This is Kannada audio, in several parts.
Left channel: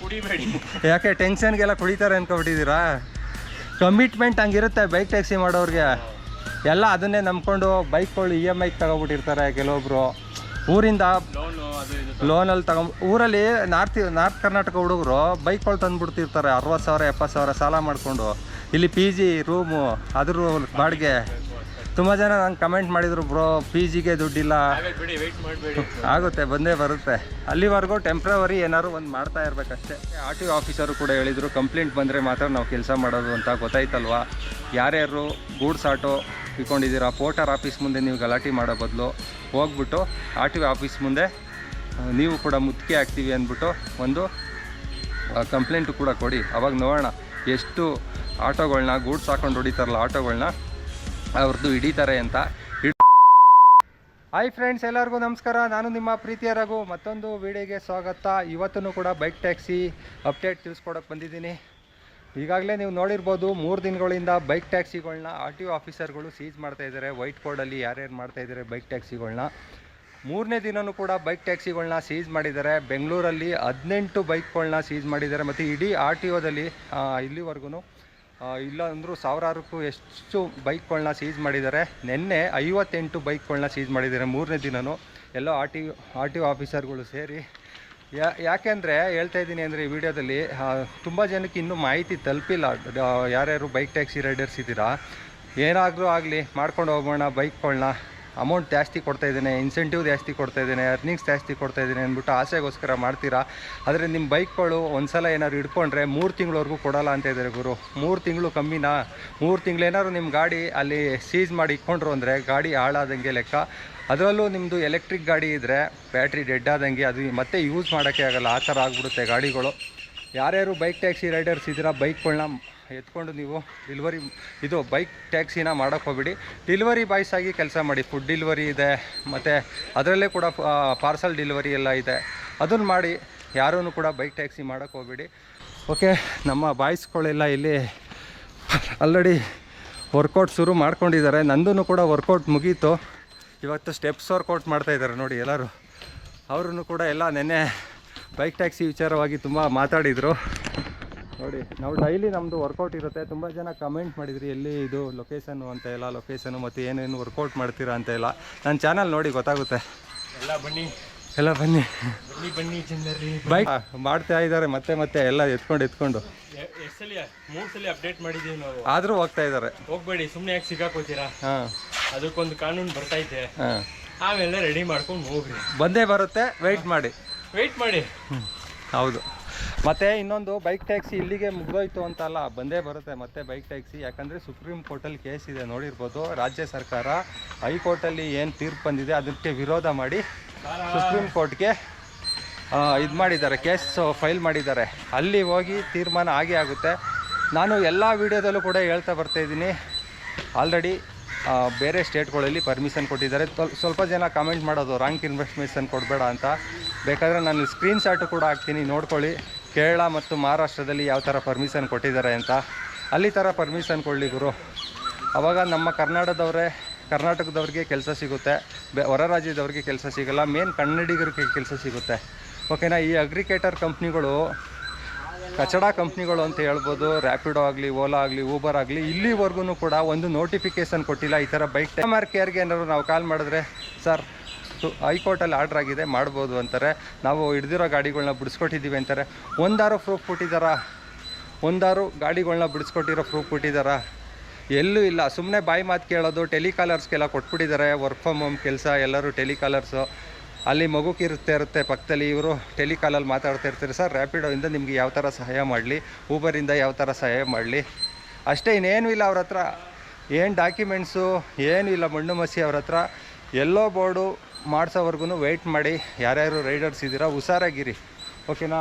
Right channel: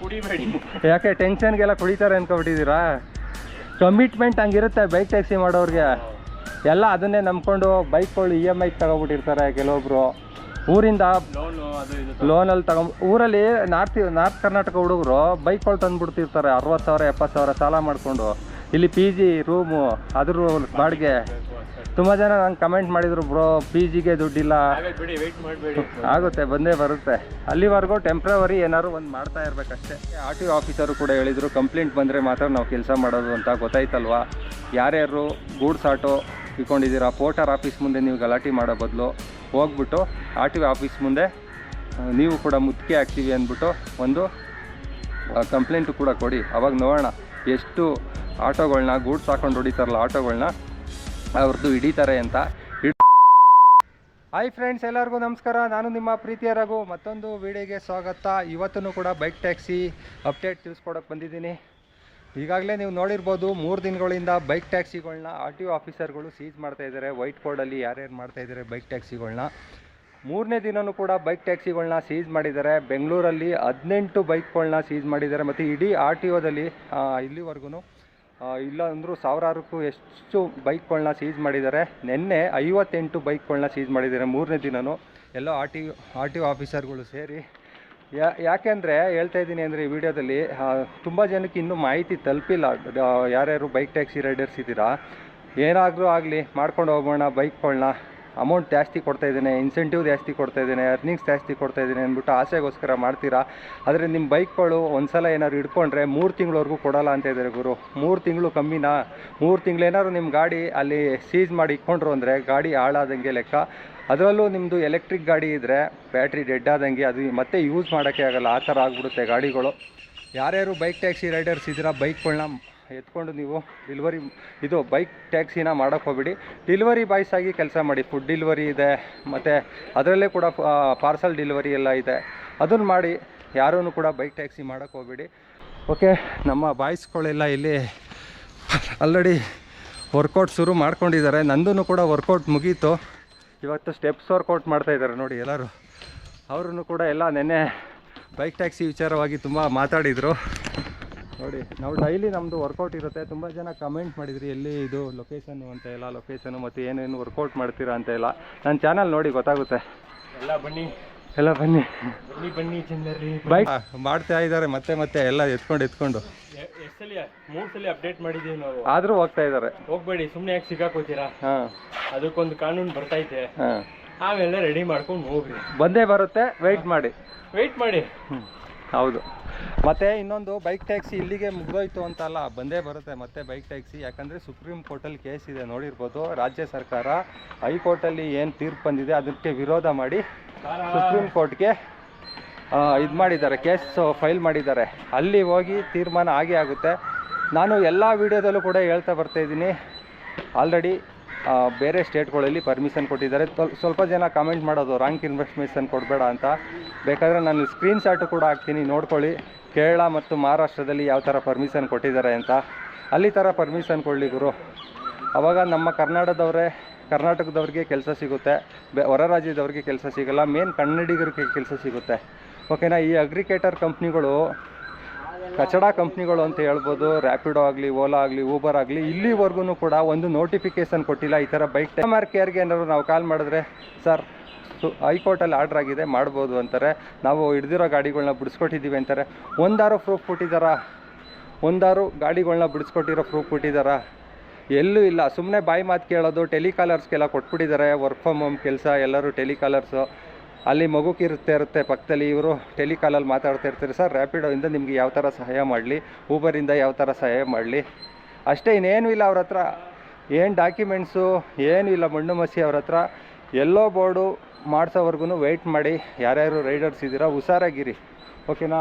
ಕುಡಿಬೇಡಿ. ಯಾಕೆ ಟೆನ್ಷನ್ಗೆಲ್ಲ ಕುಡಿತಾರೆ ಅನ್ಕೊಬಿಟ್ಟಿದ್ದೀರಾ? ಕಮಿಟ್ಮೆಂಟ್ ಹಂಗಿರುತ್ತೆ ಬೈಕ್ ಟ್ಯಾಕ್ಸಿ ಮಾಡೋರಿಗೆ. ಎಲ್ಲ ಅದನ್ನೇ ನಂಬ್ಕೊಂಡು ಬೈಕ್ಗಳು EMI ತಗೊಬಿಟ್ಟಿರ್ತಾರೆ ಕೆಲವೊಬ್ರು. ಊರಿಂದ ಲೋನಲ್ಲಿ ಊರಲ್ಲಿ ನಾರ್ತ್ ಕರ್ನಾಟಕ ಹುಡುಗರು ಬೈಕ್ಗಳು ತಂದುಬಿಡ್ತಿರ್ತಾರೆ 60,000 70,000 ಸಾಲ ಮಾಡಿಕೊಂಡು. ಇಲ್ಲಿ PG ರೂಮು ಅದ್ರ ಬಾಡಿಗೆ. ತುಂಬ ಜನ ನಂಗೆ ಕಮೆಂಟ್ ಮಾಡಿದರು, ಬ್ರೋ PGಗೆ ದುಡ್ಡಿಲ್ಲ. ಆಗುತ್ತೆ, ಬಂದೇ ಬರುತ್ತೆ. ಅಲ್ಲಿವರೆಗೂ ಟೆಂಪ್ರವರಿ ಏನಾದ್ರು ಒಂದು ಮಾಡ್ತಾ ಇರಬೇಕಷ್ಟೇ. RTO ಆಫೀಸರು ಕೂಡ ಹೇಳಿದರು, ಕಂಪ್ಲೇಂಟ್ ಬಂದರೆ ಮಾತ್ರ ನಾವು ಕೆಲಸ ಮಾಡೋದು ಅಂತ. ಗೊತ್ತಾಯ್ತಲ್ವಾ? ಯಾರ್ಯಾರು ಗೂಡ್ಸ್ ಆಟೋ ಇಟ್ಕೊಂಡಿದ್ದೀರಾ, ಪೋರ್ಟರ್ ಆಫೀಸ್ ಮುಂದೆ ನೀವು ಗಲಾಟೆ ಮಾಡೋ ಬದಲು ಹೋಗ್ಬಿಟ್ಟು RTO ಆಫೀಸ್ ಮುಂದೆ ನೀವು ಕೂಡ ಮುತ್ತಿಗೆ ಹಾಕ್ತೀವಿ ಅಂದ್ಬಿಟ್ಟು ಒಂದು ಕಂಪ್ಲೇಂಟು ಕೂಡ ಕೊಡಿ. ಅವಾಗ ನೋಡೋಣ ಎಷ್ಟು ಆಟೋಗಳನ್ನ ಗೂಡ್ಸ್ ಹಾಕೊಂಡು ಹೊಡಿತಾರಲ್ಲ ಆಟೋಗಳನ್ನ ಅವ್ರದ್ದು ಹಿಡಿತಾರೆ ಅಂತ. ಹಾಯ್ ಫ್ರೆಂಡ್ಸ್, ಎಲ್ಲರಿಗೂ ನಮಸ್ಕಾರ. ನಾನು ನಿಮ್ಮ ಪ್ರೀತಿಯ ರಘು. ಮತ್ತೊಂದು ವಿಡಿಯೋಗೆ ಸ್ವಾಗತ. ಇವತ್ತೂ ಕೂಡ ಬೈಕ್ ಟ್ಯಾಕ್ಸಿ ಅಪ್ಡೇಟ್ ತಿಳಿಸ್ಕೊಡೋಕೆ ಬಂದಿದ್ದೀನಿ. ಈಗಾಗಲೇ ನೀವು ನೋಡಿರ್ಬೋದು, 3 ದಿನಗಳಿಂದ ಬೈಕ್ ಟ್ಯಾಕ್ಸಿಗಳನ್ನ RTO ಆಫೀಸರ್ಗಳು ಸೀಜ್ ಮಾಡ್ತಾಯಿದ್ದಾರೆ. ವೈಟ್ ಕೋಡಲ್ಲಿ ಯಾರ್ಯಾರು ಮಾಡ್ತಾಯಿದ್ದಾರೆ ಬೈಕ್ ಟ್ಯಾಕ್ಸಿಗಳನ್ನ. 3ನೇ ದಿನವೂ ಕೂಡ ಬೈಕ್ ಟ್ಯಾಕ್ಸಿಗಳನ್ನ ಸೀಜ್ ಮಾಡಿದ್ದಾರೆ. ಬೆಂಗಳೂರಲ್ಲಿ 18 ಬೈಕ್ಗಳನ್ನ ಸೀಜ್ ಮಾಡಿದ್ದಾರೆ. ಮತ್ತು ಇಡೀ RTOದಲ್ಲಿ ಇಲ್ಲಿವರೆಗೂ ಇಲ್ಲ ಅಂದರೂ ಸಾವಿರಾರಕ್ಕೂ ಎಷ್ಟು ಬೈಕ್ಗಳನ್ನ ಸೀಜ್ ಮಾಡಿದ್ದಾರೆ. ನಿನ್ನೆ 58 ಬೈಕ್ಗಳನ್ನ ಸೀಜ್ ಮಾಡಿದ್ದಾರೆ 3ನೇ ದಿನವೂ. ಎಲ್ಲ RTO ಆಫೀಸರ್ಗಳು ಸೇರಿ. ಯಾಕೆಂದರೆ ಹೇಳ್ತಾ ಇದ್ದೀನಿ ಅಂದರೆ, ಈ ವಿಡಿಯೋದಲ್ಲಿ ತುಂಬ ಜನಕ್ಕೆ ಇನ್ನೂ ಮಾಹಿತಿ ತಲುಪಿಲ್ಲ. ಯಾರ್ಯಾರು ಬೈಕ್ ಟ್ಯಾಕ್ಸಿ ರೈಡರ್ಸ್ ಇದ್ದೀರಾ, ಏನಾದರೂ ಆಗಲಿ ಮಾಡ್ಕೊಂಡು ಹೋಗೋಣ, ಬೈಕ್ಗಳನ್ನ ಅಮೌಂಟ್ ಜಾಸ್ತಿ ಕೊಡ್ತಾಯಿದ್ದೇನೆ, ಇನ್ಸೆಂಟಿವ್ ಜಾಸ್ತಿ ಕೊಡ್ತಾಯಿದ್ದೇನೆ, ಅರ್ನಿಂಗ್ಸ್ ಜಾಸ್ತಿ ಕೊಡ್ತಾಯಿದ್ದೀನಿ ಅಂದ್ಬಿಟ್ಟು ಆಸೆಗೋಸ್ಕರ ಮಾಡ್ತೀರಾ. ಆದರೆ ನಿಮ್ಮ ಬೈಕ್ಗಳು ಒಂದು ಸಲ ಏನಾದ್ರು ಹಿಡ್ಕೊಂಡ್ರೆ 3 ತಿಂಗಳವರೆಗೂ ಕೊಡೋಲ್ಲ ಅಂತ ಇದ್ದಾರೆ ಗುರು. 3 ತಿಂಗಳು ಕಮ್ಮಿನಾ? 3 ತಿಂಗಳೇನಾದ್ರು ನಿಮ್ಮ ಗಾಡಿ ಅಲ್ಲಿ ಸೀಜ್ ಮಾಡಿ ಇಟ್ಕೊಂಡ್ರು ಅಂದರೆ ಗಾಡಿ ಹಾಳಾದಂಗೆ ಲೆಕ್ಕ. ಅದರಲ್ಲೂ ನಿಮ್ಮದು ಎಲೆಕ್ಟ್ರಿಕ್ ಗಾಡಿ ಇದ್ದರೆ ಬ್ಯಾಟ್ರಿ ಡೆಡ್ ಆದಂಗೆ, ಅದು ಮತ್ತೆ ಯೂಸ್ ಮಾಡೋಕ್ಕೆ ಆಗಲ್ಲ, ಆ ಥರ ಆಗಿಬಿಡುತ್ತೆ ಗಾಡಿಗಳು. ಯಾರ್ಯಾರು ಬೈಕ್ ಟ್ಯಾಕ್ಸಿ ರೈಡರ್ಸ್ ಇದ್ದೀರಾ, ಬೈಕ್ಗಳನ್ನ ಎತ್ಕೊಂಡು ನೀವು ಇದು ಬೈಕ್ ಟ್ಯಾಕ್ಸಿನ ಮಾಡೋಕ್ಕೆ ಹೋಗ್ಬಿಡಿ. ಡೆಲಿವರಿ ಬಾಯ್ಸ್ ಆಗಿ ಕೆಲಸ ಮಾಡಿ. ಫುಡ್ ಡೆಲಿವರಿ ಇದೆ, ಮತ್ತು ಅದರಲ್ಲೇ ಕೂಡ ಪಾರ್ಸಲ್ ಡೆಲಿವರಿ ಎಲ್ಲ ಇದೆ. ಅದನ್ನು ಮಾಡಿ. ಯಾರೂ ಕೂಡ ಬೈಕ್ ಟ್ಯಾಕ್ಸಿ ಮಾಡೋಕ್ಕೆ ಹೋಗ್ಬಿಡಿ. ಓಕೆ, ನಮ್ಮ ಬಾಯ್ಸ್ಗಳೆಲ್ಲ ಇಲ್ಲಿ ಆಲ್ರೆಡಿ ವರ್ಕೌಟ್ ಶುರು ಮಾಡ್ಕೊಂಡಿದ್ದಾರೆ. ನಂದೂ ಕೂಡ ವರ್ಕೌಟ್ ಮುಗೀತು. ಇವತ್ತು ಸ್ಟೆಪ್ಸ್ ವರ್ಕೌಟ್ ಮಾಡ್ತಾಯಿದ್ದಾರೆ ನೋಡಿ ಎಲ್ಲರೂ. ಅವ್ರೂ ಕೂಡ ಎಲ್ಲ ನೆನ್ನೆ ಬೈಕ್ ಟ್ಯಾಕ್ಸಿ ವಿಚಾರವಾಗಿ ತುಂಬ ಮಾತಾಡಿದರು ನೋಡಿ. ನಾವು ಡೈಲಿ ನಮ್ಮದು ವರ್ಕೌಟ್ ಇರುತ್ತೆ. ತುಂಬ ಜನ ಕಮೆಂಟ್ ಮಾಡಿದ್ರಿ, ಎಲ್ಲಿ ಇದು ಲೊಕೇಶನ್ನು ಅಂತ ಎಲ್ಲ, ಲೊಕೇಶನು ಮತ್ತು ಏನೇನು ವರ್ಕೌಟ್ ಮಾಡ್ತೀರಾ ಅಂತ ಎಲ್ಲ. ನನ್ನ ಚಾನಲ್ ನೋಡಿ ಗೊತ್ತಾಗುತ್ತೆ. ಎಲ್ಲ ಬನ್ನಿ ಜನರಿ. ಬೈಕ್ ಮಾಡ್ತಾ ಇದ್ದಾರೆ ಮತ್ತೆ ಎಲ್ಲ ಎತ್ಕೊಂಡು 3 ಸಲ ಅಪ್ಡೇಟ್ ಮಾಡಿದ್ದೀವಿ ನಾವು. ಆದರೂ ಹೋಗ್ತಾ ಇದ್ದಾರೆ. ಹೋಗ್ಬೇಡಿ, ಸುಮ್ಮನೆ ಯಾಕೆ ಸಿಗಾಕೋತೀರಾ? ಅದಕ್ಕೊಂದು ಕಾನೂನು ಬರ್ತೈತೆ. ಆಮೇಲೆ ರೆಡಿ ಮಾಡ್ಕೊಂಡು ಹೋಗ್ರಿ. ಬಂದೇ ಬರುತ್ತೆ, ವೆಯ್ಟ್ ಮಾಡಿ. ಹೌದು. ಮತ್ತು ಇನ್ನೊಂದು, ಬೈಕ್ ಟ್ಯಾಕ್ಸಿ ಇಲ್ಲಿಗೆ ಮುಗಿದೋಯ್ತು ಅಂತಲ್ಲ, ಬಂದೇ ಬರುತ್ತೆ ಮತ್ತೆ ಬೈಕ್ ಟ್ಯಾಕ್ಸಿ. ಯಾಕಂದರೆ ಸುಪ್ರೀಂ ಕೋರ್ಟಲ್ಲಿ ಕೇಸ್ ಇದೆ, ನೋಡಿರ್ಬೋದು. ರಾಜ್ಯ ಸರ್ಕಾರ ಹೈಕೋರ್ಟಲ್ಲಿ ಏನು ತೀರ್ಪು ಬಂದಿದೆ ಅದಕ್ಕೆ ವಿರೋಧ ಮಾಡಿ ಸುಪ್ರೀಂ ಕೋರ್ಟ್ಗೆ ಇದು ಮಾಡಿದ್ದಾರೆ, ಕೇಸ್ ಫೈಲ್ ಮಾಡಿದ್ದಾರೆ. ಅಲ್ಲಿ ಹೋಗಿ ತೀರ್ಮಾನ ಆಗೇ ಆಗುತ್ತೆ. ನಾನು ಎಲ್ಲ ವೀಡಿಯೋದಲ್ಲೂ ಕೂಡ ಹೇಳ್ತಾ ಬರ್ತಾಯಿದ್ದೀನಿ, ಆಲ್ರೆಡಿ ಬೇರೆ ಸ್ಟೇಟ್ಗಳಲ್ಲಿ ಪರ್ಮಿಷನ್ ಕೊಟ್ಟಿದ್ದಾರೆ. ಸ್ವಲ್ಪ ಜನ ಕಮೆಂಟ್ ಮಾಡೋದು, ರಾಂಗ್ ಇನ್ಫಾರ್ಮೇಷನ್ ಕೊಡಬೇಡ ಅಂತ. ಬೇಕಾದರೆ ನಾನು ಸ್ಕ್ರೀನ್ಶಾಟು ಕೂಡ ಹಾಕ್ತೀನಿ, ನೋಡ್ಕೊಳ್ಳಿ. ಕೇರಳ ಮತ್ತು ಮಹಾರಾಷ್ಟ್ರದಲ್ಲಿ ಯಾವ ಥರ ಪರ್ಮಿಷನ್ ಕೊಟ್ಟಿದ್ದಾರೆ ಅಂತ. ಅಲ್ಲಿ ಥರ ಪರ್ಮಿಷನ್ ಕೊಡಲಿ ಗುರು. ಆವಾಗ ನಮ್ಮ ಕರ್ನಾಟಕದವ್ರಿಗೆ ಕೆಲಸ ಸಿಗುತ್ತೆ, ಹೊರ ರಾಜ್ಯದವ್ರಿಗೆ ಕೆಲಸ ಸಿಗೋಲ್ಲ. ಮೇನ್ ಕನ್ನಡಿಗರಿಗೆ ಕೆಲಸ ಸಿಗುತ್ತೆ. ಓಕೆನಾ? ಈ ಅಗ್ರಿಕೇಟರ್ ಕಂಪ್ನಿಗಳು ಕಚಡ ಕಂಪ್ನಿಗಳು ಅಂತ ಹೇಳ್ಬೋದು. ರ್ಯಾಪಿಡೋ ಆಗಲಿ, ಓಲಾ ಆಗಲಿ, ಊಬರ್ ಆಗಲಿ, ಇಲ್ಲಿವರೆಗೂ ಕೂಡ ಒಂದು ನೋಟಿಫಿಕೇಷನ್ ಕೊಟ್ಟಿಲ್ಲ. ಈ ಥರ ಬೈಕ್ ಕಸ್ಟಮರ್ ಕೇರ್ಗೆ ಏನಾದ್ರು ನಾವು ಕಾಲ್ ಮಾಡಿದ್ರೆ, ಸರ್ ಹೈಕೋರ್ಟಲ್ಲಿ ಆರ್ಡ್ರ್ ಆಗಿದೆ, ಮಾಡ್ಬೋದು ಅಂತಾರೆ. ನಾವು ಹಿಡ್ದಿರೋ ಗಾಡಿಗಳನ್ನ ಬಿಡಿಸ್ಕೊಟ್ಟಿದ್ದೀವಿ ಅಂತಾರೆ. ಒಂದಾರು ಪ್ರೂಫ್ ಕೊಟ್ಟಿದ್ದಾರಾ? ಒಂದಾರು ಗಾಡಿಗಳನ್ನ ಬಿಡಿಸ್ಕೊಟ್ಟಿರೋ ಪ್ರೂಫ್ ಕೊಟ್ಟಿದ್ದಾರಾ? ಎಲ್ಲೂ ಇಲ್ಲ. ಸುಮ್ಮನೆ ಬಾಯಿ ಮಾತು ಕೇಳೋದು. ಟೆಲಿಕಾಲರ್ಸ್ಗೆಲ್ಲ ಕೊಟ್ಬಿಟ್ಟಿದ್ದಾರೆ ವರ್ಕ್ ಫ್ರಮ್ ಹೋಮ್ ಕೆಲಸ. ಎಲ್ಲರೂ ಟೆಲಿಕಾಲರ್ಸು. ಅಲ್ಲಿ ಮಗುಕಿರುತ್ತೆ ಪಕ್ಕದಲ್ಲಿ, ಇವರು ಟೆಲಿಕಾಲಲ್ಲಿ ಮಾತಾಡ್ತಾ ಇರ್ತಾರೆ. ಸರ್ ರ್ಯಾಪಿಡೋಯಿಂದ ನಿಮಗೆ ಯಾವ ಥರ ಸಹಾಯ ಮಾಡಲಿ, ಊಬರಿಂದ ಯಾವ ಥರ ಸಹಾಯ ಮಾಡಲಿ, ಅಷ್ಟೇ. ಇನ್ನೇನು ಇಲ್ಲ ಅವ್ರ ಹತ್ರ. ಏನು ಡಾಕ್ಯುಮೆಂಟ್ಸು ಏನೂ ಇಲ್ಲ. ಮಣ್ಣು ಮಸಿ ಅವ್ರ ಹತ್ರ. ಎಲ್ಲೋ ಬೋರ್ಡು ಮಾಡಿಸೋವರೆಗೂ ವೆಯ್ಟ್ ಮಾಡಿ. ಯಾರ್ಯಾರು ರೈಡರ್ಸ್ ಇದ್ದೀರಾ, ಹುಷಾರಾಗಿರಿ. ಓಕೆನಾ?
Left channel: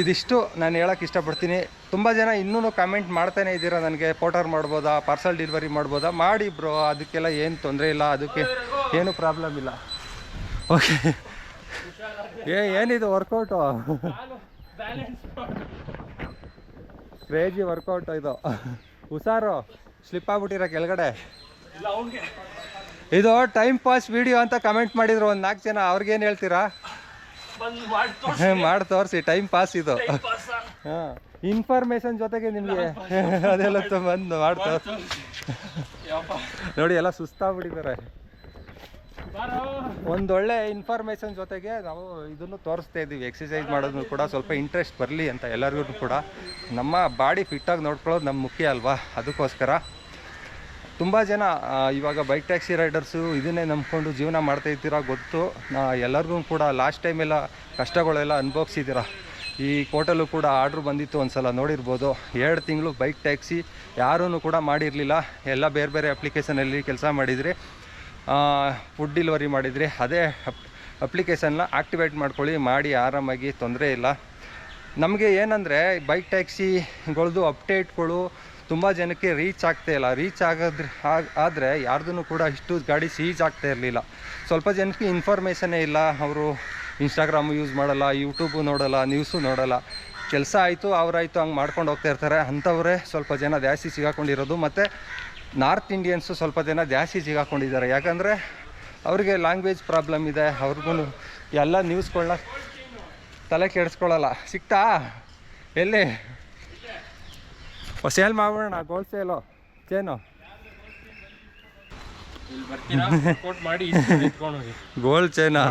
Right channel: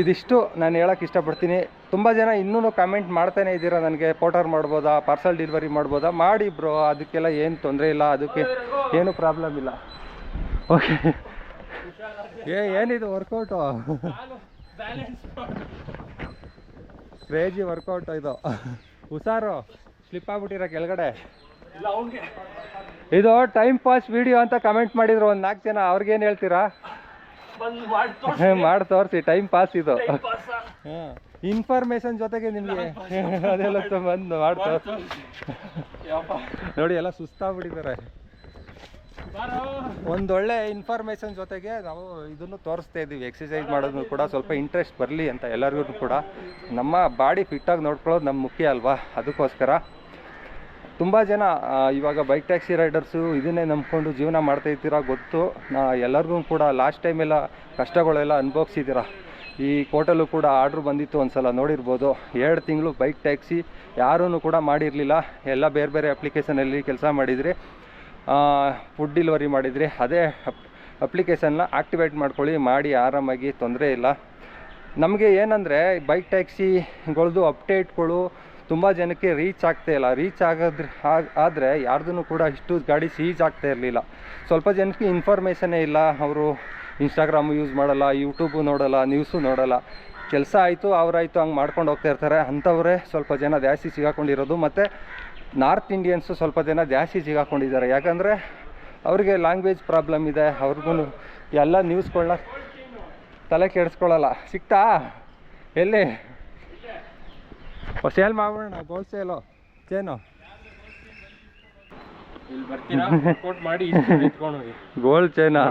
ಇದಿಷ್ಟು ನಾನು ಹೇಳೋಕ್ಕೆ ಇಷ್ಟಪಡ್ತೀನಿ. ತುಂಬ ಜನ ಇನ್ನೂ ಕಮೆಂಟ್ ಮಾಡ್ತಾನೆ ಇದ್ದೀರಾ, ನನಗೆ ಪೋರ್ಟರ್ ಮಾಡ್ಬೋದಾ, ಪಾರ್ಸಲ್ ಡೆಲಿವರಿ ಮಾಡ್ಬೋದಾ? ಮಾಡಿ ಬ್ರೋ, ಅದಕ್ಕೆಲ್ಲ ಏನು ತೊಂದರೆ ಇಲ್ಲ, ಅದಕ್ಕೆ ಏನೂ ಪ್ರಾಬ್ಲಮ್ ಇಲ್ಲ. ಓಕೆ. ಏನಿದು ವರ್ಕೌಟು? ಕ್ರೇಜಿ ವರ್ಕೌಟು ಇದು. ಹುಷಾರು, ಸ್ಲಿಪ್ ಆಗ್ಬಿಟ್ಟಿರೋ ಕೆಳಗಡೆ. ಇದು ಟೈಮ್ ಪಾಸ್ ವಿಡಿಯೋ ಅಂತ ಕಮೆಂಟ್ ಮಾಡಿದ್ರು ಒಂದು 4 ಜನ. ಅವ್ರಿಗೇನು ಹೇಳ್ತೀರಾ? ಮಾಡಿ ತೋರಿಸಿ, ಟೈಮ್ ಪಾಸ್ ಇದು. ಹಾಂ, ಇನ್ಫಾರ್ಮೇಶನ್ ಜೊತೆಗೆ ನಿಮಗೆ ಅದೆಲ್ಲ ಬಂದು ಮಾಡಿ ನೋಡಿ, ಎಲ್ಲ ಸುಸ್ತಾಗ್ಬಿಟ್ಟಿದ್ದಾರೆ. ಒಂದೊಳ್ಳೆ ಇನ್ಫಾರ್ಮೇಷನ್ ಜೊತೆಗೆ ನಾವು ಇದನ್ನು ತೋರಿಸ್ತಾ ಇದ್ದೀವಿ. ಎಕ್ಸಸೈಸ್ ಮಾಡೋದು ಕೂಡ ಸ್ವಲ್ಪ ಇಂಟ್ರೆಸ್ಟ್ ಬರಲಿ ಅಂತ ಎಲ್ಲರಿಗೂ ಕೂಡ. ನಮ್ಮ ಬಾಡಿ ಫಿಟ್ಟಾಗಿ ನೋಡ್ಕೊಳ್ಳೋದು ನಮ್ಮ ಮುಖ್ಯ ಅಲ್ವಾ, ಅದಕ್ಕೋಸ್ಕರ. ತುಂಬ ಜನ ಇವಾಗ ಬೈಕ್ ಟ್ಯಾಕ್ಸಿ ರೈಡರ್ಸು ಇದನ್ನೇ ನಂಬ್ಕೊಂಡು ಜೀವನ ಮಾಡ್ತಾ ಇದ್ದೀರಾ ಗೊತ್ತು. ಎಲ್ಲರಿಗೂ ಕೂಡ ಲಾಸ್ಟ್ ಟೈಮೆಲ್ಲ ಕಷ್ಟಗಳೆಲ್ಲ ಅನುಭವಿಸಿದ್ದೀರಾ. ಈ ಕೋಟಲ್ಲೂ ಕೂಡ ಆರ್ಡ್ರ್ ಬಂದಿತ್ತು, ಒಂದು ಸಲ ನೋಡಿರ್ಬೋದು. 2 ತಿಂಗಳು ಬೈಕ್ ಟ್ಯಾಕ್ಸಿ ಯಾರೂ ಕೂಡ ಮಾಡಿರಲಿಲ್ಲ. ಎಲ್ಲ ಬೇರೆ ಬೇರೆ ಅಪ್ಲಿಕೇಶನಲ್ಲಿ ಕೆಲಸ ಮಾಡಿದ್ರಿ, ಫುಡ್ ಡೆಲಿವರಿ ಮಾಡಿದ್ರಿ. ಅದೇ ಅಪ್ಲಿಕೇಶನ್ನ ಆಕ್ಟಿವೇಟ್ ಮಾಡ್ಕೊಳ್ಳಿ, ಮಾಡಿ ಆರಾಮಾಗಿ, ತೊಂದರೆ ಇಲ್ಲ. ನಮಗೆ ಏನಂದರೆ ಬೈಕ್ ಟ್ಯಾಕ್ಸಿಗಳದ್ದು ಅಪ್ಡೇಟ್ಗಳು ತುಂಬ ಜನಕ್ಕೆ ರೀಚ್ ಆಗ್ತಾ ಇಲ್ಲ. ರೀಚ್ ಆದರೆ ಯಾರ್ದೂ ಕೂಡ ಇಷ್ಟು ಗಾಡಿ ಸೀಜ್ ಆಗ್ತಾ ಇರಲಿಲ್ಲ. ಸ್ವಲ್ಪ ಜನಕ್ಕೆ ಇನ್ಫಾರ್ಮೇಷನ್ನೇ ಇಲ್ಲ. ಅವರು ಇನ್ಸ್ಟಾಗ್ರಾಮು ಯೂಸ್ ಮಾಡಲ್ಲ, ಯೂಟ್ಯೂಬು ನೋಡಲ್ಲ, ನ್ಯೂಸು ನೋಡಲ್ಲ. ಕೆಲಸ ಆಯಿತು ಅವರಾಯಿತು ಹಂಗೆ ಮಾಡ್ಕೊಂಡು ಹೋಗ್ತಾ ಇರ್ತಾರೆ. ಅಂಥವರೇ ಸ್ವಲ್ಪ ಜನ ಜಾಸ್ತಿ ಸಿಗಾಕೊಂಡಿರೋದು. ಮತ್ತು ನಾರ್ತ್ ಇಂಡಿಯನ್ಸು ಸ್ವಲ್ಪ ಜನ ಜಾಸ್ತಿ ಸಿಗಾಕೊಂಡಿದ್ದಾರೆ. ಯಾಕಂದರೆ ಅವ್ರಿಗೆ ಲ್ಯಾಂಗ್ವೇಜ್ ಪ್ರಾಬ್ಲಮ್ ಇದೆ. ಅವ್ರಿಗೂ ಎಲ್ಲ ನ್ಯೂಸ್ಗಳನ್ನ ತಲೆ ಕೆಡಿಸ್ಕೊಳ್ಳಲ್ಲ. ಸಿಕ್ತಾ ಎಲ್ಲಿ ಸೇಲ್ ಮಾಡೋಣ, ಗೋಲ್ಡ್ ಸೇಲು ಚೇನು ಗೋಲ್ಡ್ ಚೈನಾ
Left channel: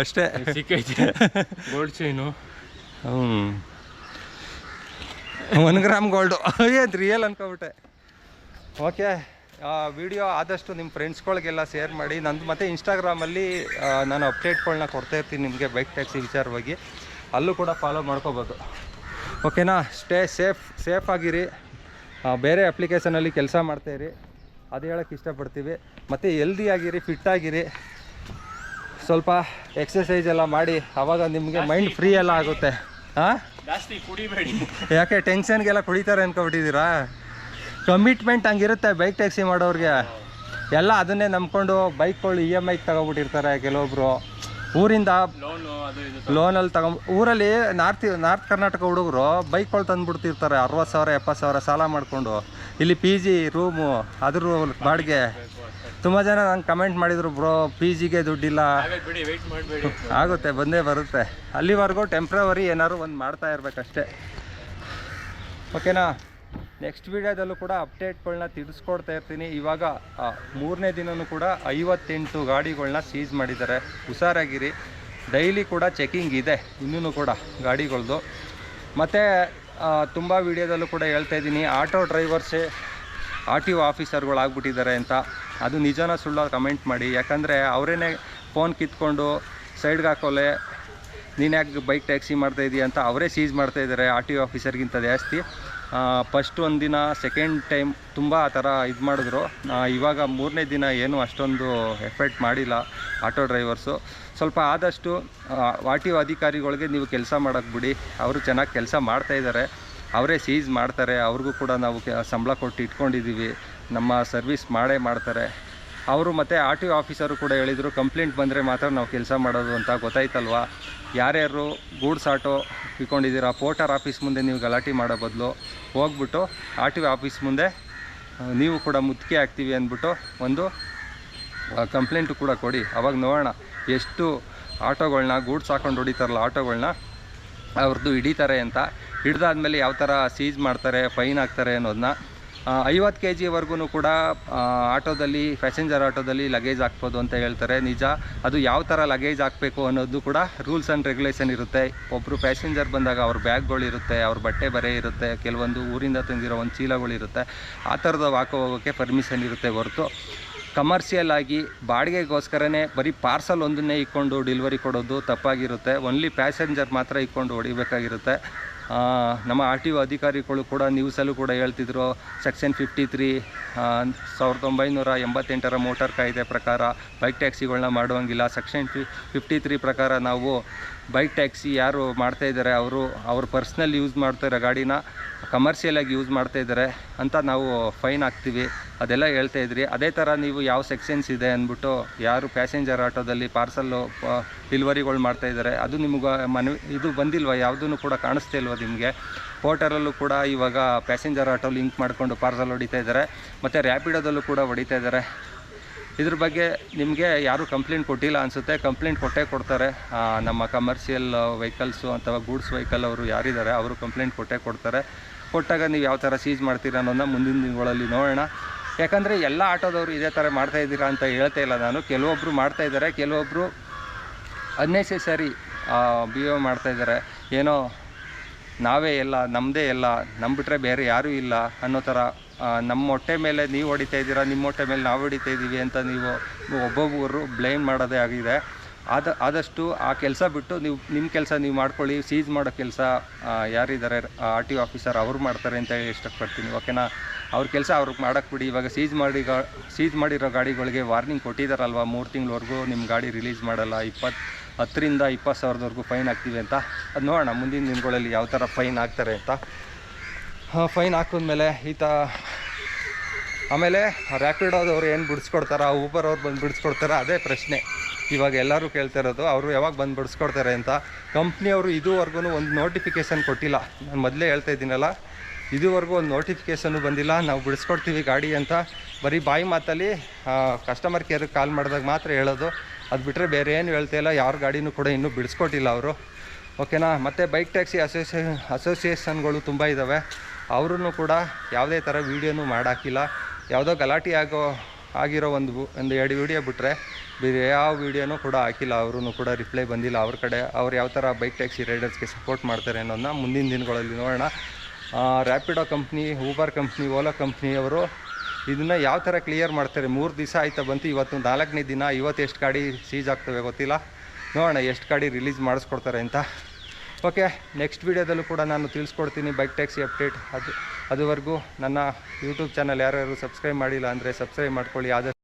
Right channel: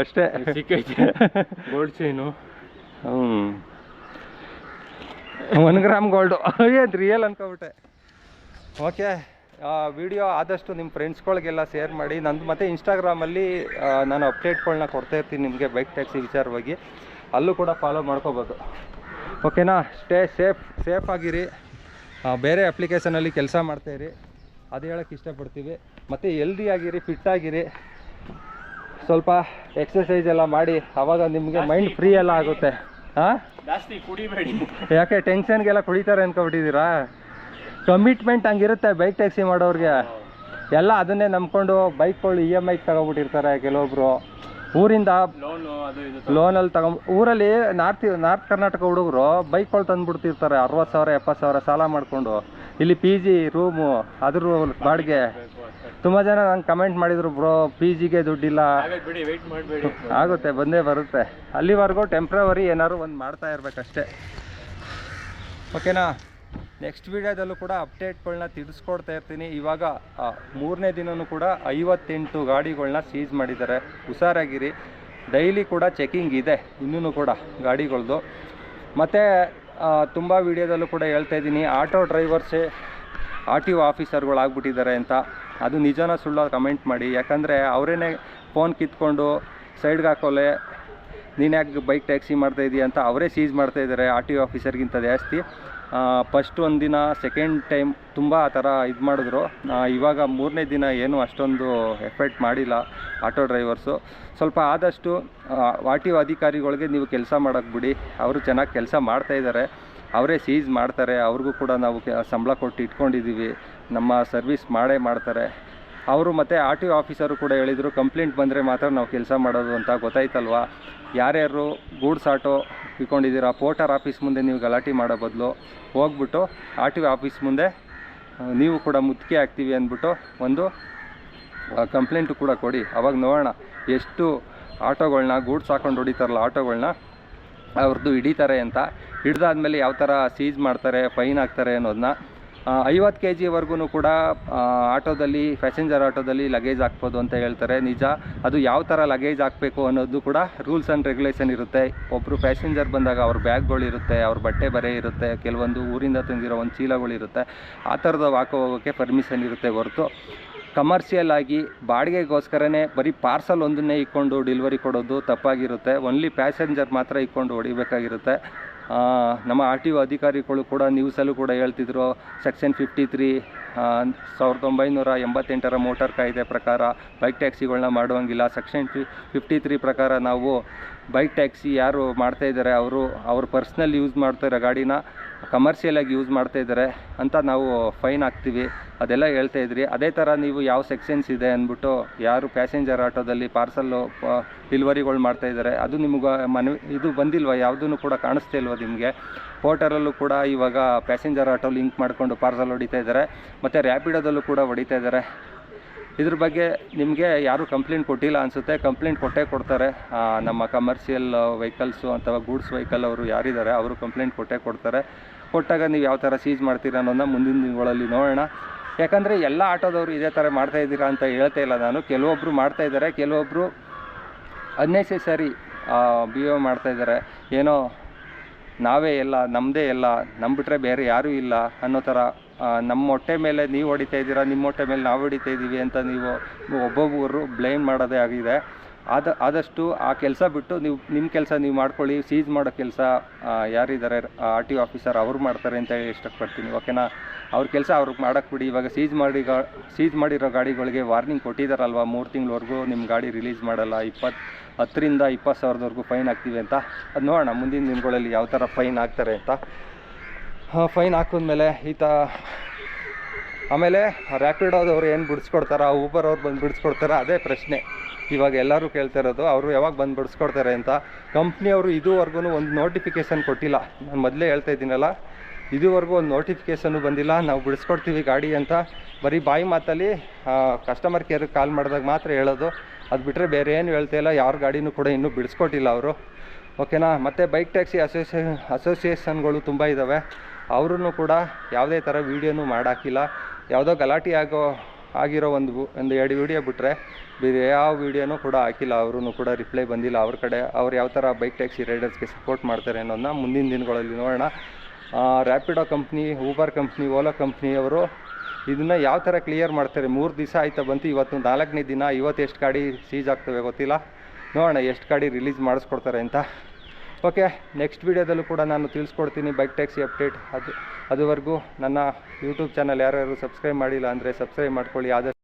ಅಷ್ಟೇ ಸಿಕ್ಕೈತೆ. Gold chain 1 gram gold. ಏನು ರಿಯಲ್ ಅನ್ಕೊಬಿಟ್ಟೆ. ಓಕೆ, ವಿಡಿಯೋ ಆದಷ್ಟು ನಿಮ್ಮ ಫ್ರೆಂಡ್ಸ್ಗಳಿಗೆಲ್ಲ ಶೇರ್ ಮಾಡಿ. ನಂದು ಮತ್ತು ಇನ್ಸ್ಟಾಗ್ರಾಮಲ್ಲಿ ನಾನು ಅಪ್ಡೇಟ್ಗಳನ್ನ ಕೊಡ್ತಾ ಇರ್ತೀನಿ ನಿಮಗೆ ಬೈಕ್ ಟ್ಯಾಕ್ಸಿ ವಿಚಾರವಾಗಿ. ಅಲ್ಲೂ ಕೂಡ ಫಾಲೋ ಮಾಡ್ಕೋಬೋದು. ಓಕೆನಾ? ಸ್ಟೇ ಸೇಫ್ ಆಗಿರಿ. ಬೇರೆ ಅಪ್ಲಿಕೇಶನಲ್ಲಿ ಕೆಲಸ ಮಾಡ್ತಾಯಿರಿ, ಅದು ಹೇಳೋಕ್ಕೆ ಇಷ್ಟಪಡ್ತೀವಿ. ಮತ್ತು ಹೆಲ್ದಿಯಾಗಿರಿ, ಫಿಟ್ಟಾಗಿರಿ. ಸ್ವಲ್ಪ ಎಕ್ಸಸೈಸ್ ಎಲ್ಲ ಮಾಡಿ, ಆವಾಗ ನಿಮಗೆ ಮೈಂಡ್ ಫ್ರೀ ಎಲ್ಲ ಆಗುತ್ತೆ. ಹಾಂ, ಜಾಸ್ತಿ ಕುಡಿಬೇಡಿ. ಯಾಕೆ ಟೆನ್ಷನ್ಗೆಲ್ಲ ಕುಡಿತಾರೆ ಅಂದ್ಕೊಬಿಟ್ಟಿದ್ದೀರಾ? ಕಮಿಟ್ಮೆಂಟ್ ಹಂಗಿರುತ್ತೆ ಬೈಕ್ ಟ್ಯಾಕ್ಸಿ ಮಾಡೋರಿಗೆ. ಎಲ್ಲ ಅದನ್ನೇ ನಂಬ್ಕೊಂಡು ಬೈಕ್ಗಳು EMI ತಗೊಬಿಟ್ಟಿರ್ತಾರೆ. ಕೆಲವೊಬ್ಬರು ಊರಿಂದ ಲೋನಲ್ಲಿ ಊರಲ್ಲಿ ನಾರ್ತ್ ಕರ್ನಾಟಕ ಹುಡುಗರು ಬೈಕ್ಗಳು ತಂದುಬಿಡ್ತಿರ್ತಾರೆ. 60,000 70,000 ಸಾಲ ಮಾಡಿಕೊಂಡು. ಇಲ್ಲಿ PG ರೂಮು, ಅದ್ರ ಬಾಡಿಗೆ. ತುಂಬ ಜನ ನಂಗೆ ಕಮೆಂಟ್ ಮಾಡಿದರು, ಬ್ರೋ PGಗೆ ದುಡ್ಡಿಲ್ಲ. ಆಗುತ್ತೆ, ಬಂದೇ ಬರುತ್ತೆ. ಅಲ್ಲಿವರೆಗೂ ಟೆಂಪ್ರವರಿ ಏನಾದ್ರು ಒಂದು ಮಾಡ್ತಾ ಇರಬೇಕಷ್ಟೇ. ಓಕೆನಾ? ನೆಕ್ಸ್ಟ್ ವೀಡಿಯೋದಲ್ಲೂ ಕೂಡ ಅಪ್ಡೇಟ್ಗಳನ್ನ ತಿಳಿಸ್ಕೊಡ್ತಾ ಇರ್ತೀನಿ. ಇವಾಗ 3ನೇ ದಿನವೂ ಕೂಡ 58 ಗಾಡಿಗಳನ್ನ ಸೀಸ್ ಮಾಡಿದ್ದಾರೆ. ಹುಷಾರಾಗಿರಿ. ಡೈಲಿ ಕೂಡ ಚೆಕಿಂಗ್ ಇದೆ ಇನ್ನೂ ಕೂಡ ಗಾಡಿಗಳದ್ದು. ಮತ್ತು ತುಂಬ ವೀಡಿಯೋದಲ್ಲೂ ಕೂಡ ಹೇಳ್ತಾ ಇದ್ದೀನಿ, ಆಟೋ ಡ್ರೈವರ್ಸೇ RTO ಆಫೀಸರ್ಗಳಾಗ್ಬಿಟ್ಟಿದ್ದಾರೆ ಅಂತ. ಅದು ನಿಜನ ಸುಳ್ಳು ಕಮೆಂಟ್ ಮಾಡಿ. ಯಾಕಂದರೆ ಅವರೇನೆ ಫೋನ್ ಕಿತ್ಕೊಂಡು ಸೈಡ್ಗೆ ಹಾಕೋಲೆ, ನೀನು ಯಾಕೆ ಬೈಕ್ ಟ್ಯಾಕ್ಸಿ ಮಾಡ್ತಾಯಿದ್ದೀಯ ಅಂತ ಅವರೇ ಸೀಸ್ ಮಾಡ್ತಾಯಿದ್ದಾರೆ RTO ಆಫೀಸರ್ಗಿಂತ ಜಾಸ್ತಿ. ಫಸ್ಟ್ ಒಂದು ದಿನ, ಸೆಕೆಂಡ್ ಟೈಮ್ ತುಂಬ ಆ ಥರ ಇದು ಮಾಡಿದ್ರು. ಇವಾಗ 3ನೇ ದಿನ ಏನು ಅಷ್ಟೊಂದು ಎಫೆಕ್ಟ್ ಮಾಡಿಲ್ಲ ಆಟೋ ಡ್ರೈವರ್ಸು. ಸ್ವಲ್ಪ ಆದಷ್ಟು RTO ಅಧಿಕಾರಿಗಳಿಗೆ ನೀವು ಕೆಲಸ ಮಾಡೋಕ್ಕೆ ಬಿಡಿ. ಅವರು ಚೆನ್ನಾಗಿ ಕೆಲಸ ಮಾಡ್ತಾಯಿದ್ದಾರೆ, ಅವರೇ ಸೀಸ್ ಮಾಡ್ತಾರೆ. ಅವ್ರಿಗೂ ಕೂಡ ನಾವು ಸಂಬಳ ಕೊಟ್ಟು ಇಟ್ಕೊಂಡಿದ್ದೀವಿ, ನಮ್ಮ ಸರ್ವಿಸ್ ಮಾಡೇ ಮಾಡ್ತಾರೆ ಅವರು. ಮತ್ತು RTO ಆಫೀಸರು ಕೂಡ ಹೇಳಿದರು, ಕಂಪ್ಲೇಂಟ್ ಬಂದರೆ ಮಾತ್ರ ನಾವು ಕೆಲಸ ಮಾಡೋದು ಅಂತ. ಗೊತ್ತಾಯ್ತಲ್ವಾ? ಯಾರ್ಯಾರು ಗೂಡ್ಸ್ ಆಟೋ ಇಟ್ಕೊಂಡಿದ್ದೀರಾ, ಪೋರ್ಟರ್ ಆಫೀಸ್ ಮುಂದೆ ನೀವು ಗಲಾಟೆ ಮಾಡೋ ಬದಲು ಹೋಗ್ಬಿಟ್ಟು RTO ಆಫೀಸ್ ಮುಂದೆ ನೀವು ಕೂಡ ಮುತ್ತಿಗೆ ಹಾಕ್ತೀವಿ ಅಂದ್ಬಿಟ್ಟು ಒಂದು ಕಂಪ್ಲೇಂಟು ಕೂಡ ಕೊಡಿ. ಅವಾಗ ನೋಡೋಣ ಎಷ್ಟು ಆಟೋಗಳನ್ನ ಗೂಡ್ಸ್ ಹಾಕೊಂಡು ಹೊಡಿತಾರಲ್ಲ ಆಟೋಗಳನ್ನ ಅವ್ರದ್ದು ಹಿಡಿತಾರೆ ಅಂತ. ಹಿಡ್ದಾದ್ಮೇಲೆ ಯಾವ ಥರ ಸೀಸ್ ಮಾಡ್ತಾರೆ, ಫೈನ್ ಹಾಕ್ತಾರೆ ಅನ್ನೋದನ್ನ. 50 kgವರೆಗೂ ಕೂಡ ಆಟೋದಲ್ಲಿ, ಪ್ಯಾಸೆಂಜರ್ ಆಟೋದಲ್ಲಿ ಲಗೇಜ್ ಹಾಕ್ಬೋದು ಅಂತ ಹೇಳ್ತಾರೆ. ನಿಜ, ಅದು ಯಾವ ಥರ ಲಗೇಜ್ ಹಾಕಬೇಕು ಅನ್ನೋದು ಕೂಡ ರೂಲ್ಸ್ ಆ್ಯಂಡ್ ರೆಗ್ಯುಲೇಷನ್ ಇರುತ್ತೆ. ಒಬ್ಬರು ಪ್ಯಾಸೆಂಜರ್ ಬಂದಾಗ ಅವ್ರ ಬ್ಯಾಗ್ಗಳಿರುತ್ತೆ, ಅವ್ರ ಬಟ್ಟೆ ಬರೆ ಇರುತ್ತೆ, ಕೆಲವೊಂದು ಊರಿಂದ ತಂದಿರೋ ಒಂದು ಚೀಲಗಳಿರುತ್ತೆ. ಆ ಥರದ್ದು ಹಾಕೋ ಹೋಗೋಕ್ಕೆ ಪರ್ಮಿಷನ್ ಇರುತ್ತೆ ಹೊರತು ಕಮರ್ಷಿಯಲ್ ಆಗಿ ಬಾಡಿಗೆಗೋಸ್ಕರನೇ ಬರೀ ಪಾರ್ಸಲ್ ಒಂದನ್ನೇ ಇಟ್ಕೊಂಡು ಡೆಲಿವರಿ ಕೊಡೋದು ತಪ್ಪಾಗಿರುತ್ತೆ. ಓನ್ಲಿ ಪ್ಯಾಸೆಂಜರ್ ಮಾತ್ರ ಇಟ್ಕೊಂಡು ಹೊಡಿಬೇಕಾಗಿರುತ್ತೆ. ನಮ್ಮ RTO ಅಧಿಕಾರಿಗಳು ಕೂಡ ನ್ಯೂಸಲ್ಲೂ ಕೂಡ ಹೇಳ್ತಿದ್ರು, ಸೆಕ್ಷನ್ 53 1988 ಮೋಟಾರ್ ಕಾಯ್ದೆ ಪ್ರಕಾರ ಬೈಕ್ ಟ್ಯಾಕ್ಸಿಗಳನ್ನ ಮಾಡುವಂಗಿಲ್ಲ. ಸೆಕ್ಷನ್ 53 ಪ್ರಕಾರ ನಾವು ಬೈಕ್ ಟ್ಯಾಕ್ಸಿ ಯಾರು ಮಾಡ್ತಾಯಿದ್ದಾರೆ ಅವ್ರ ಪರ್ಸ್ನಲ್ ಯೂಸ್ ಮಾಡ್ತಾಯಿರೋ ಗಾಡಿನ ಕಮರ್ಷಿಯಲಾಗಿ ಯೂಸ್ ಮಾಡ್ತಾಯಿದ್ದಾರೆ ಅಂತ ನಾವು ಫೈನ್ ಹಾಕ್ತೀವಿ. ಅದೆಲ್ಲ ಹೇಳ್ತಾಯಿದ್ರಿ. ಅದೇ ಥರ ನೀವು ಯಾವ ಸೆಕ್ಷನ್ಸ್ ಇದೆ ಅಂದ್ಬಿಟ್ಟು ಯಾರು ಪ್ಯಾಸೆಂಜರ್ ಆಟೋದಲ್ಲಿ ಪಾರ್ಸಲ್ಲು ಡೆಲಿವರಿಗಳು ಮಾಡ್ತಾಯಿದ್ದಾರೆ ಅದು ನಿಮಗೆ ಇದು ಬಂದಿಲ್ವ? ಯಾವುದೂ ಕೂಡ ಕಾಣಿಸ್ತಾ ಇಲ್ವ ನಿಮಗೆ? ಪೋರ್ಟರಲ್ಲೂ ಕೂಡ ಇವಾಗ ಪ್ಯಾಸೆಂಜರ್ ಆಟೋ ಲಿಂಕ್ ಮಾಡಿಕೊಂಡು ಪಾರ್ಸಲ್ ಹೊಡಿತಾ ಇದ್ದಾರೆ. ಮತ್ತು ರ್ಯಾಪಿಡೋದಲ್ಲೂ ಕೂಡ ಹೊಡಿತಾ ಇದ್ದಾರೆ. ಇದ್ರ ಬಗ್ಗೆ ನಿಮಗೆ ಯಾರೂ ಕಂಪ್ಲೇಂಟ್ ಕೊಟ್ಟಿಲ್ಲ ಅನಿಸುತ್ತೆ. ಕಂಪ್ಲೇಂಟ್ ಕೊಟ್ಟೇ ಕೊಡ್ತಾರೆ. ನಮ್ಮ ಕಮರ್ಷಿಯಲ್ ವೆಹಿಕಲ್ಸು ಅಥವಾ ಗೂಡ್ಸ್ ವೆಹಿಕಲ್ ಅವರು ಯಾರಿದ್ದಾರೆ ಅವರು ಕಂಪ್ಲೇಂಟ್ ಕೊಟ್ಟೇ ಕೊಡ್ತಾರೆ. ಕೊಟ್ಟಾಗ ನೀವು ಯಾವ ಥರ ಸೀಜ್ ಮಾಡ್ತೀರಾ ಅನ್ನೋದನ್ನ ಮುಂದಿನ ದಿನಗಳಲ್ಲಿ ನೋಡೋಣ. ಯಾಕಂದರೆ ಎಲ್ಲ ಆಟೋದವರು ಇದೇ ಥರ ಮಾಡ್ತಾಯಿದ್ದೀರಾ ಅಂತ ಹೇಳ್ತಾ ಇಲ್ಲ ನಾನು. ಕೆಲವೊಬ್ಬರು ಮಾಡ್ತಾಯಿದ್ದಾರೆ, ಕೆಲವೊಬ್ಬರು ಅನ್ನೆಸೆಸರಿ ಬಿಹೇವ್ ಮಾಡ್ತಾಯಿದ್ದಾರೆ. ಏನೋ ನಾವೇ ಎಲ್ಲ, ನಮ್ಮದೇ ಎಲ್ಲ, ಬಿಟ್ಟರೆ ಬೇರೆ ಯಾರೂ ಇಲ್ಲ ಅನ್ನೋ ಥರ ನಮ್ಮ ಹೊಟ್ಟೆ ಮೇಲೆ ನೀವು ಹೊಡಿತಾ ಇದ್ದೀರಾ, ನಿಮ್ಮ ಹೊಟ್ಟೆ ಮೇಲೆ ನಾವು ಹೊಡಿತಾ ಇದ್ದೀವಿ ಅಂತ ನೀವು ಒಬ್ಬೊಬ್ಬರು ಬ್ಲೇಮ್ ಮಾಡೋದೇ ಆಗಿದೆ. ಆದಷ್ಟು ಆ ಕೆಲಸ ಬಿಟ್ಟು ನೀವು ನಿಮ್ಮ ಕೆಲಸ ನೀವು ಮಾಡ್ಕೊಳ್ಳಿ. ಸೀಜ್ ಮಾಡೋ ಕೆಲಸ ಯಾರಿದ್ದಾರೆ RTO ಆಫೀಸರ್ ಅವ್ರು ಮಾಡ್ತಾರೆ ಅಂತ ಹೇಳಿ ಇಷ್ಟಪಡ್ತೀನಿ. ಓಕೆನಾ? ಅವ್ರ ಕೆಲಸ ಅವ್ರಿಗೆ ಮಾಡೋಕ್ಕೆ ಬಿಡಿ. ಇವಾಗ ಸೀಜ್ ಮಾಡಿರೋ ಗಾಡಿಗಳಿಗೆ ವಾರ್ನಿಂಗ್ ಕೊಟ್ಟಿದ್ದಾರಲ್ವ, 3 ತಿಂಗಳವರೆಗೂ ನಿಮ್ಮ ಗಾಡಿ ರಿಲೀಸ್ ಮಾಡಲ್ಲ, 10,000ರಿಂದ 20,000ವರೆಗೂ ಫೈನ್ ಹಾಕ್ತೀವಿ ಅಂತ. ಅದು ನೋಡೋಣ ಮುಂದಿನ ದಿನಗಳಲ್ಲಿ ಯಾವ ಥರ ಫೈನ್ ಹಾಕ್ತಾರೆ ಅಂತ. ಫೈನ್ ಹಾಕಿದ್ಮೇಲೆ ಆಮೇಲೆ ರ್ಯಾಪಿಡೋದವ್ರು ಏನು ಬಿಡಿಸ್ಕೊಡ್ತಾರ, ಊಬರ್ ಅವ್ರು ಬಂದು ಬಿಡಿಸ್ಕೊಡ್ತಾರ, ಅದೇ ಪ್ರಶ್ನೆ ಇವಾಗ ಎಲ್ಲರೂ ಕೇಳ್ತಾ ಇರೋದು. ಅವರು ಯಾವಾಗ ಬಂದು ಬಿಡಿಸ್ಕೊಡ್ತಾರೆ ಅಂತ. ಕಂಪ್ನಿಯವರು ಇದುವರೆಗೂ ಒಂದು ನೋಟಿಫಿಕೇಷನ್ ಕೊಟ್ಟಿಲ್ಲ. ನಾನು ಮೊದಲೇ ಹೇಳ್ತಾ ಇದ್ದೀನಲ್ಲ, ಇದುವರೆಗೂ ಒಂದು ನೋಟಿಫಿಕೇಷನ್ನು ಬಂದಿಲ್ಲ, ನಾವು ಬಿಡಿಸ್ಕೊಡ್ತೀವಿ ಗಾಡಿ ಅಂತ. ಬರೀ ಬಾಯಿ ಮಾತಲ್ಲಿ ಕಸ್ಟಮರ್ ಕೇರ್ಗೆ ಕಾಲ್ ಮಾಡಿದಾಗ ಮಾತ್ರ ಹೇಳೋದು. ಅದು ಬಿಟ್ಟರೆ ಬೇರೆ ಏನು ಹೇಳ್ತಾ ಇಲ್ಲ. ಯಾರ ಗಾಡಿನೂ ಕೂಡ ಇನ್ನೂ ಬಿಡಿಸ್ಕೊಟ್ಟಿಲ್ಲ ಅವರು. ಓಕೆನಾ? ಮತ್ತು ಬೈಕ್ ಟ್ಯಾಕ್ಸಿ ಅಸೋಸಿಯೇಷನ್ಗಳು ತುಂಬ ಇದ್ದಾವೆ. ಅವ್ರೂ ಕೂಡ ಯಾವುದೇ ಥರ ವೀಡಿಯೋನೂ ಮಾಡಾಕಿಲ್ಲ. ಯಾವುದೋ ಗಲಾಟೆ ಆಗಿರೋ ಒಂದು 2 ವೀಡಿಯೋ ಬಿಟ್ಟರೆ ಬೇರೆ ಯಾವ ವೀಡಿಯೋನೂ ಕೂಡ ಹಾಕಿಲ್ಲ. ಅವ್ರೂ ಕೂಡ ರಿಪ್ಲೈ ಬಂದಿಲ್ಲ ಅವ್ರ ಕಡೆ. ಅವ್ರು ಯಾವ ಥರ ಬೈಕ್ ಟ್ಯಾಕ್ಸಿ ರೈಡರ್ಸ್ಗೆ ಸಪೋರ್ಟ್ ಮಾಡ್ತಾರೆ ಅನ್ನೋದನ್ನ ಮುಂದಿನ ದಿನಗಳಲ್ಲಿ ನೋಡೋಣ. Rapido company, Uber company, Ola ಕಂಪ್ನಿಯವರು ಇದನ್ನು ಯಾವ ಥರ ಕ್ಲಿಯರ್ ಮಾಡ್ತಾರೆ. 3 ದಿವಸ ಆಯ್ತಾ ಬಂತು, ಇವತ್ತು 4ನೇ ದಿನ. ಇವತ್ತು ಎಷ್ಟು ಗಾಡಿ ಸೀಜ್ ಆಗ್ತವೆ ಗೊತ್ತಿಲ್ಲ. ನೋಡೋಣ ಎಷ್ಟು ಗಾಡಿ ರಿಲೀಸ್ ಮಾಡಿಸ್ಕೊಡ್ತಾರೆ ಅಂತ. ಓಕೆ, ನೆಕ್ಸ್ಟ್ ವೀಡಿಯೋದಲ್ಲೂ ಕೂಡ ನಾನು ತಿಳಿಸ್ಕೊಡ್ತೀನಿ ಬೈಕ್ ಟ್ಯಾಕ್ಸಿ ಅಪ್ಡೇಟ್. ಅದುವರೆಗೂ ನನ್ನ ಯೂಟ್ಯೂಬ್ ಚಾನಲ್ ಯಾರ್ಯಾರು ಸಬ್ಸ್ಕ್ರೈಬ್ ಮಾಡಿಲ್ಲ ಅಂದರೆ ಸಬ್ಸ್ಕ್ರೈಬ್ ಮಾಡ್ಕೊಳ್ಳಿ. ಆದಷ್ಟು